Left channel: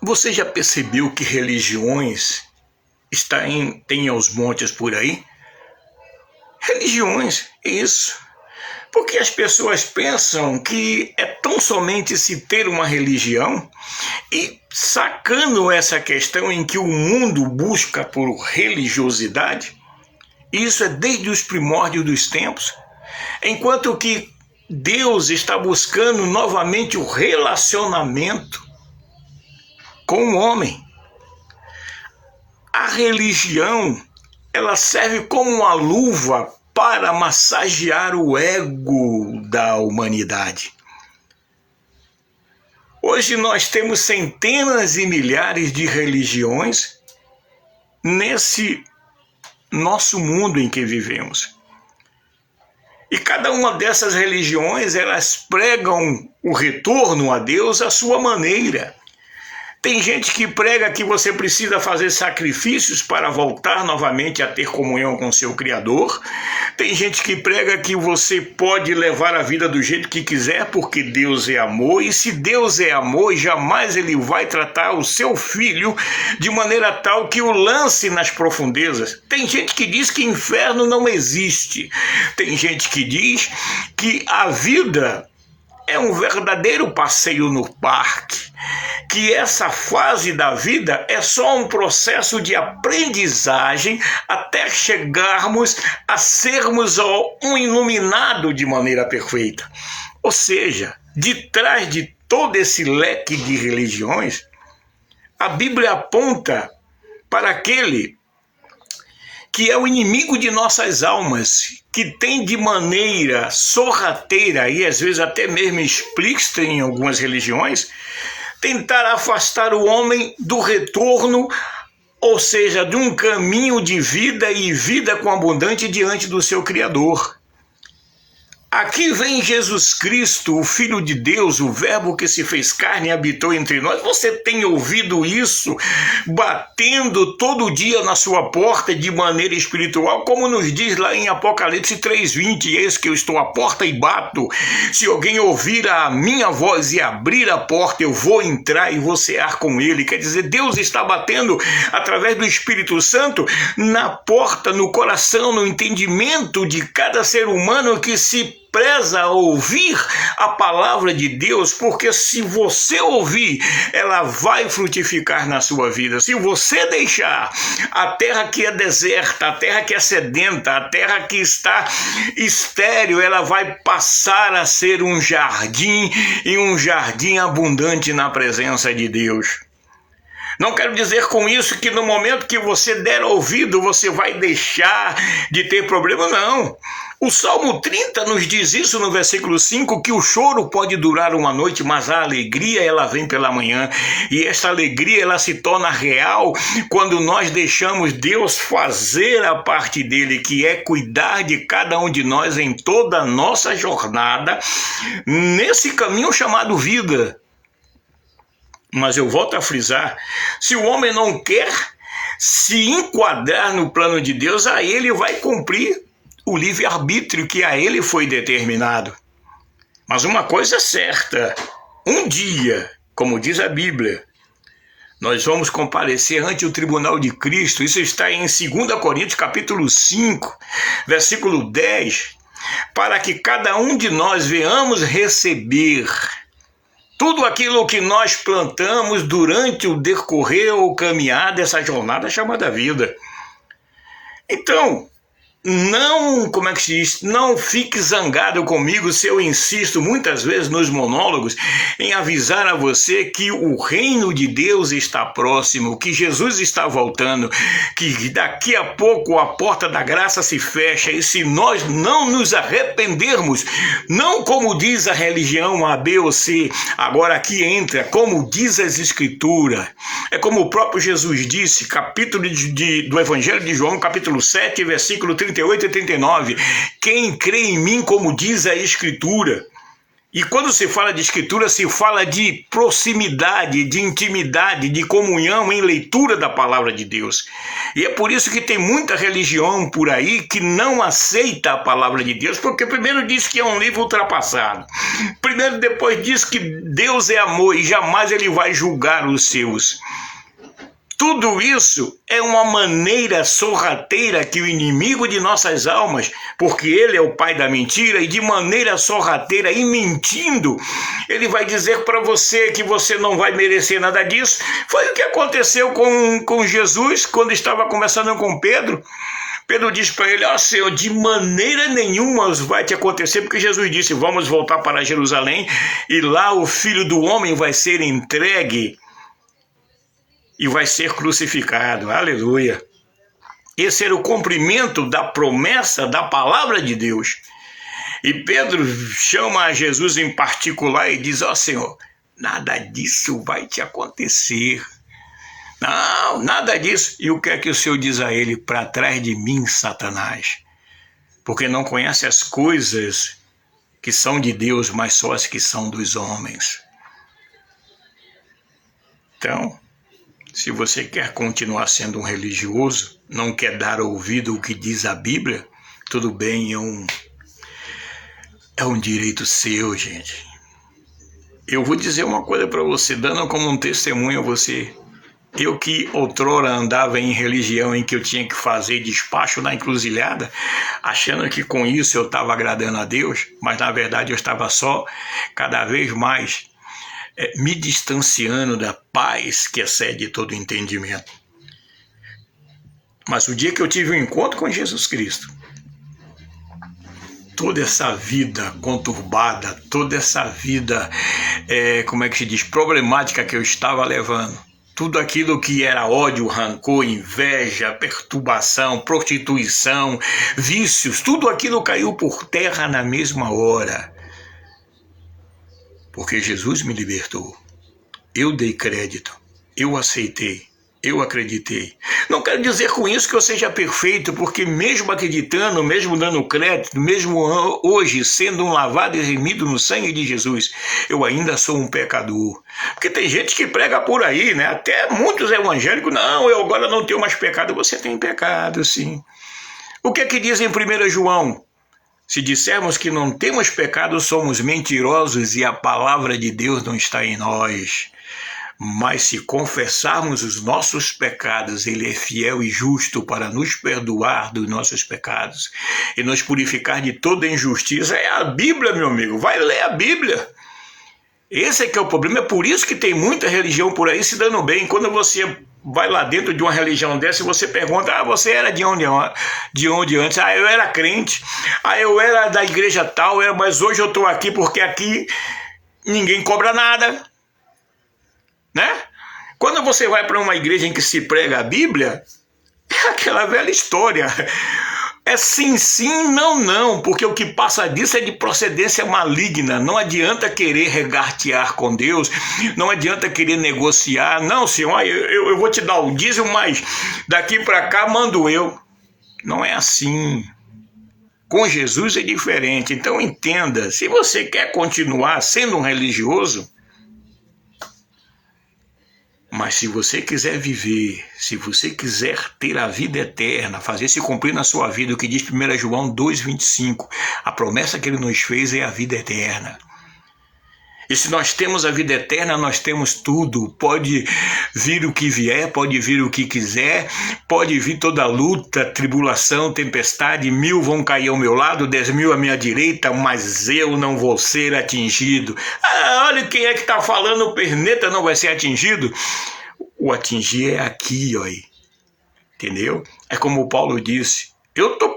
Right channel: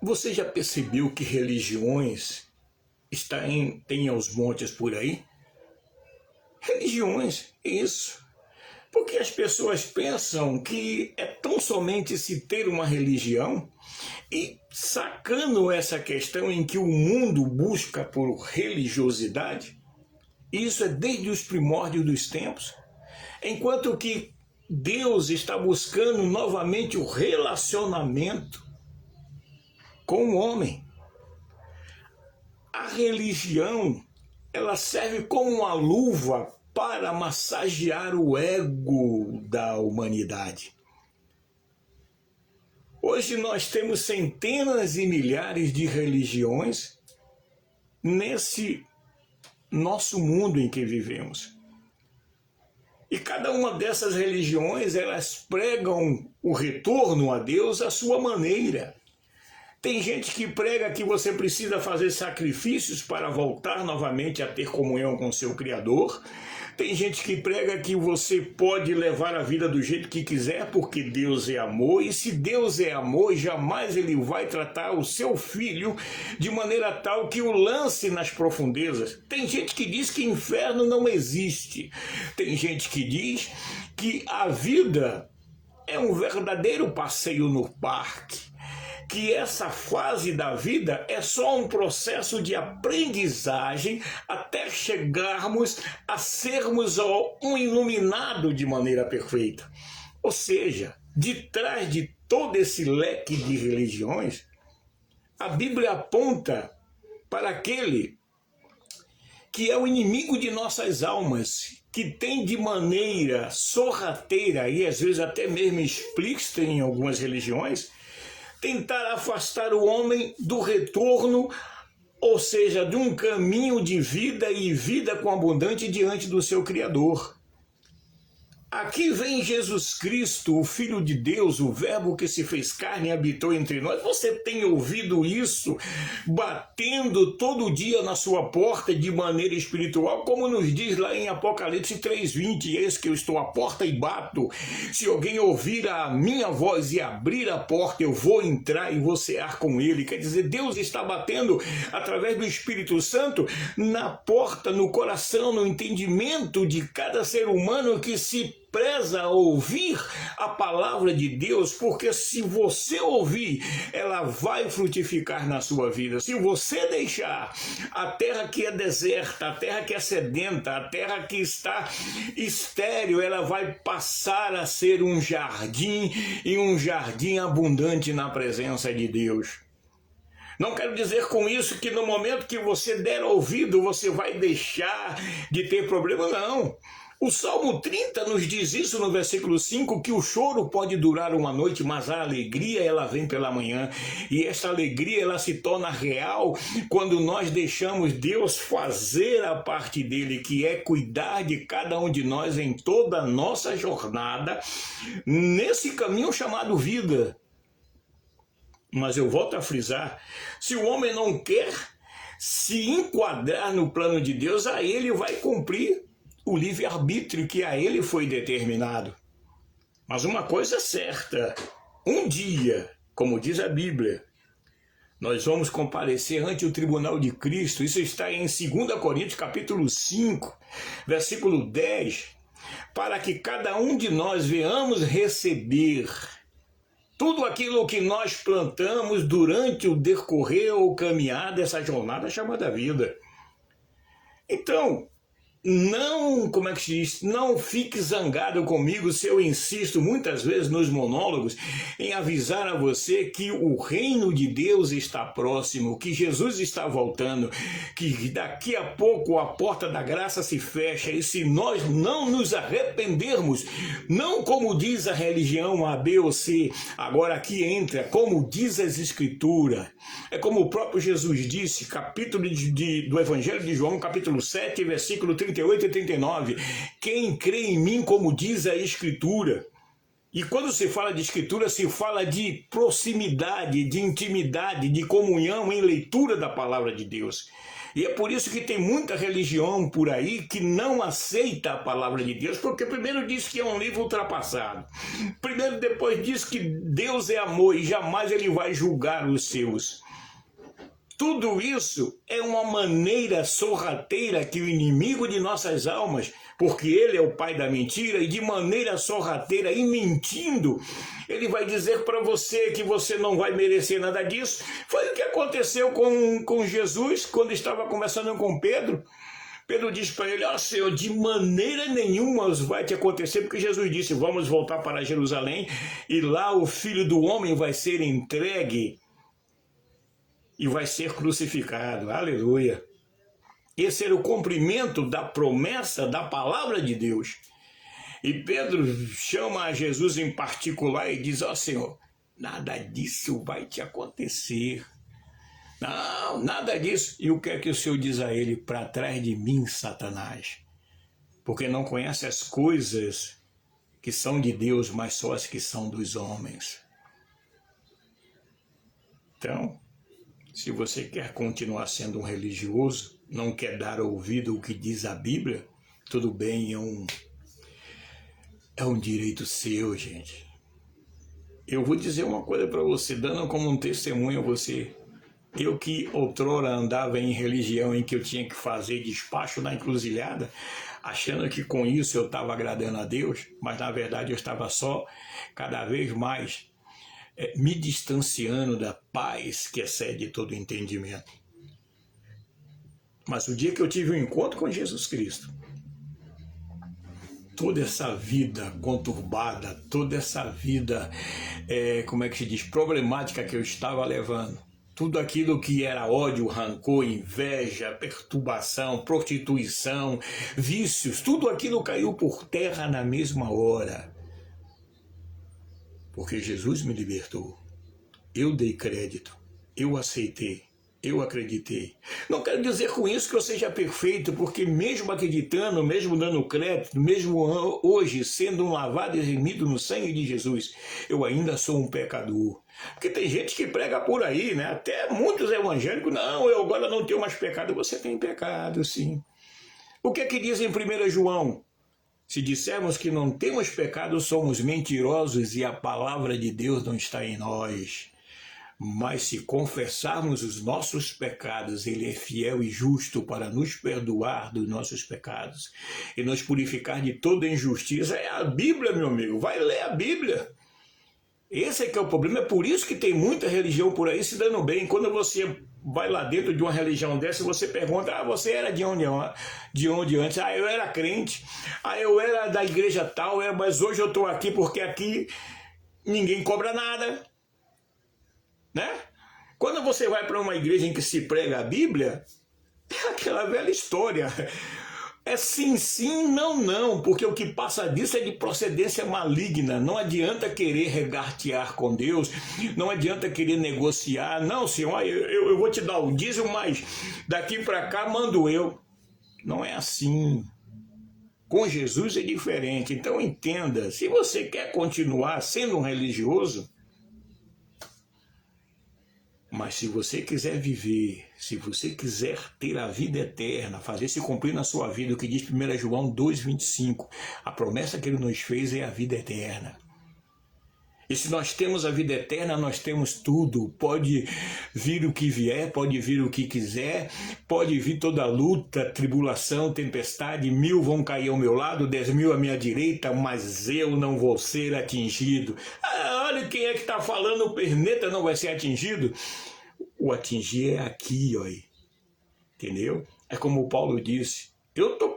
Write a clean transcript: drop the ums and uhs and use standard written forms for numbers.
Você já percebeu que religiões têm aos montes por aí? Religiões, isso. Porque as pessoas pensam que é tão somente se ter uma religião e sacando essa questão em que o mundo busca por religiosidade, isso é desde os primórdios dos tempos, enquanto que Deus está buscando novamente o relacionamento com o homem. A religião, ela serve como uma luva para massagear o ego da humanidade. Hoje nós temos centenas e milhares de religiões nesse nosso mundo em que vivemos. E cada uma dessas religiões, elas pregam o retorno a Deus à sua maneira. Tem gente que prega que você precisa fazer sacrifícios para voltar novamente a ter comunhão com seu Criador. Tem gente que prega que você pode levar a vida do jeito que quiser porque Deus é amor. E se Deus é amor, jamais Ele vai tratar o seu filho de maneira tal que o lance nas profundezas. Tem gente que diz que inferno não existe. Tem gente que diz que a vida é um verdadeiro passeio no parque, que essa fase da vida é só um processo de aprendizagem até chegarmos a sermos um iluminado de maneira perfeita. Ou seja, de trás de todo esse leque de religiões, a Bíblia aponta para aquele que é o inimigo de nossas almas, que tem de maneira sorrateira e às vezes até mesmo explícita em algumas religiões, tentar afastar o homem do retorno, ou seja, de um caminho de vida e vida com abundante diante do seu Criador. Aqui vem Jesus Cristo, o Filho de Deus, o Verbo que se fez carne e habitou entre nós. Você tem ouvido isso batendo todo dia na sua porta de maneira espiritual, como nos diz lá em Apocalipse 3:20, eis que eu estou à porta e bato. Se alguém ouvir a minha voz e abrir a porta, eu vou entrar e vou cear com ele. Quer dizer, Deus está batendo através do Espírito Santo na porta, no coração, no entendimento de cada ser humano que se preza ouvir a palavra de Deus, porque se você ouvir, ela vai frutificar na sua vida. Se você deixar a terra que é deserta, a terra que é sedenta, a terra que está estéril, ela vai passar a ser um jardim, e um jardim abundante na presença de Deus. Não quero dizer com isso que no momento que você der ouvido, você vai deixar de ter problema, não. O Salmo 30 nos diz isso no versículo 5, que o choro pode durar uma noite, mas a alegria ela vem pela manhã. E essa alegria ela se torna real quando nós deixamos Deus fazer a parte dele, que é cuidar de cada um de nós em toda a nossa jornada, nesse caminho chamado vida. Mas eu volto a frisar, se o homem não quer se enquadrar no plano de Deus, a ele vai cumprir o livre-arbítrio que a ele foi determinado. Mas uma coisa é certa, um dia, como diz a Bíblia, nós vamos comparecer ante o tribunal de Cristo. Isso está em 2 Coríntios capítulo 5, versículo 10, para que cada um de nós venhamos receber tudo aquilo que nós plantamos durante o decorrer ou caminhar dessa jornada chamada vida. Então, não fique zangado comigo se eu insisto muitas vezes nos monólogos em avisar a você que o reino de Deus está próximo, que Jesus está voltando, que daqui a pouco a porta da graça se fecha, e se nós não nos arrependermos, não como diz a religião A, B ou C, agora aqui entra, como diz as Escrituras, é como o próprio Jesus disse, capítulo do Evangelho de João, capítulo 7, versículo 38 e 39, quem crê em mim, como diz a Escritura. E quando se fala de escritura, se fala de proximidade, de intimidade, de comunhão em leitura da palavra de Deus. E é por isso que tem muita religião por aí que não aceita a palavra de Deus, porque primeiro diz que é um livro ultrapassado. Primeiro depois diz que Deus é amor e jamais ele vai julgar os seus. Tudo isso é uma maneira sorrateira que o inimigo de nossas almas, porque ele é o pai da mentira, e de maneira sorrateira e mentindo, ele vai dizer para você que você não vai merecer nada disso. Foi o que aconteceu com Jesus, quando estava conversando com Pedro. Pedro disse para ele: ó Senhor, de maneira nenhuma vai te acontecer, porque Jesus disse: vamos voltar para Jerusalém, e lá o Filho do Homem vai ser entregue e vai ser crucificado. Aleluia. Esse era o cumprimento da promessa da palavra de Deus. E Pedro chama a Jesus em particular e diz: ó Senhor, nada disso vai te acontecer. Não, nada disso. E o que é que o Senhor diz a ele? Para trás de mim, Satanás, porque não conhece as coisas que são de Deus, mas só as que são dos homens. Então, se você quer continuar sendo um religioso, não quer dar ouvido ao que diz a Bíblia, tudo bem, é um direito seu, gente. Eu vou dizer uma coisa para você, dando como um testemunho a você. Eu que outrora andava em religião em que eu tinha que fazer despacho na encruzilhada, achando que com isso eu estava agradando a Deus, mas na verdade eu estava só cada vez mais me distanciando da paz que excede todo entendimento. Mas o dia que eu tive um encontro com Jesus Cristo, toda essa vida conturbada, toda essa vida, como é que se diz, problemática que eu estava levando, tudo aquilo que era ódio, rancor, inveja, perturbação, prostituição, vícios, tudo aquilo caiu por terra na mesma hora. Porque Jesus me libertou. Eu dei crédito, eu aceitei, eu acreditei. Não quero dizer com isso que eu seja perfeito, porque mesmo acreditando, mesmo dando crédito, mesmo hoje sendo um lavado e remido no sangue de Jesus, eu ainda sou um pecador. Porque tem gente que prega por aí, né? Até muitos evangélicos: não, eu agora não tenho mais pecado. Você tem pecado, sim. O que é que diz em 1 João? Se dissermos que não temos pecado, somos mentirosos e a palavra de Deus não está em nós. Mas se confessarmos os nossos pecados, ele é fiel e justo para nos perdoar dos nossos pecados e nos purificar de toda injustiça. É a Bíblia, meu amigo. Vai ler a Bíblia. Esse é que é o problema. É por isso que tem muita religião por aí se dando bem. Quando você vai lá dentro de uma religião dessa e você pergunta: você era de onde antes? Eu era crente. Eu era da igreja tal, mas hoje eu estou aqui porque aqui ninguém cobra nada. Né? Quando você vai para uma igreja em que se prega a Bíblia, é aquela velha história. É sim, sim, não, não, porque o que passa disso é de procedência maligna. Não adianta querer regatear com Deus, não adianta querer negociar. Não, Senhor, eu vou te dar o dízimo, mas daqui para cá mando eu. Não é assim. Com Jesus é diferente. Então entenda, se você quer continuar sendo um religioso, mas se você quiser viver, se você quiser ter a vida eterna, fazer se cumprir na sua vida o que diz 1 João 2,25, a promessa que ele nos fez é a vida eterna. E se nós temos a vida eterna, nós temos tudo. Pode vir o que vier, pode vir o que quiser, pode vir toda luta, tribulação, tempestade, 1000 vão cair ao meu lado, 10.000 à minha direita, mas eu não vou ser atingido. Olha quem é que está falando, o perneta não vai ser atingido. O atingir é aqui, ó aí. Entendeu? É como o Paulo disse, eu estou